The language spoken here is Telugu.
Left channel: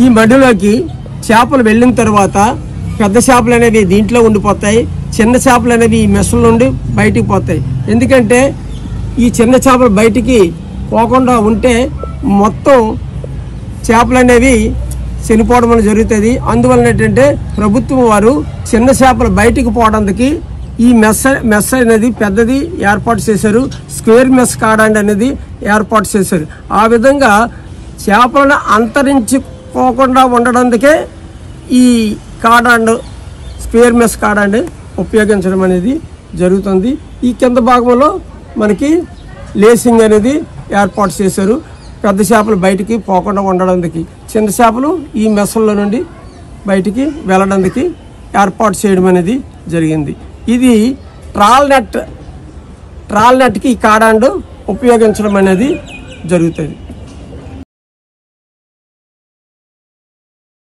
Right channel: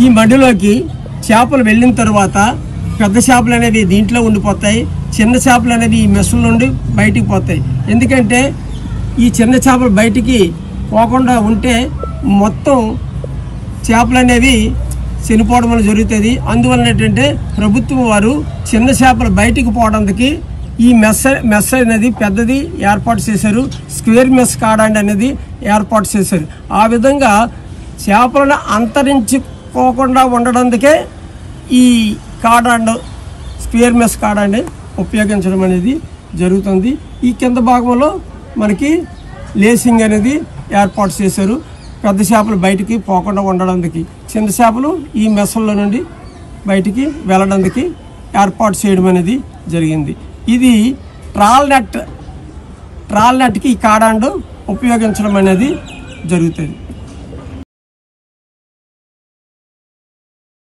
ఈ మడిలోకి చేపలు వెళ్ళిన తర్వాత పెద్ద చేపలు అనేవి దీంట్లో ఉండిపోతాయి, చిన్న చేపలు అనేవి ఈ మెస్సుల నుండి బయటికి పోతాయి. ఎందుకంటే ఈ చిన్న చేపలు బయటికి పోకుండా ఉంటే మొత్తం చేపలు అనేవి చనిపోవడం అనేది జరుగుతుంది. అందువలన ఏంటంటే ప్రభుత్వం వారు చిన్న చేపలు బయటికి పోవడానికి ఈ మెస్ అనేది పెద్దది ఏర్పాటు చేశారు. స్క్వేర్ మెస్ కాడాండి అనేది ఏర్పాటు చేశారు. ఆ విధంగా చేపలను అంతరించిపోకుండా ఉండడానికే ఈ కాడాండ్ స్క్వేర్ మెస్ కాడాండ్ ఉపయోగించడం అనేది జరుగుతుంది. ఈ కింద భాగంలో మనకి లేసింగ్ అనేది ఏర్పాటు చేశారు. పెద్ద చేపలు బయటికి పోకుండా ఉండడానికి, చిన్న చేపలు ఈ మెస్సుల్లో నుండి బయటికి వెళ్ళడానికి ఏర్పాటు చేయడం అనేది జరిగింది. ఇది ట్రాల్ నెట్కి ఈ కాడాండ్ ఉపయోగించడం అనేది జరుగుతుంది.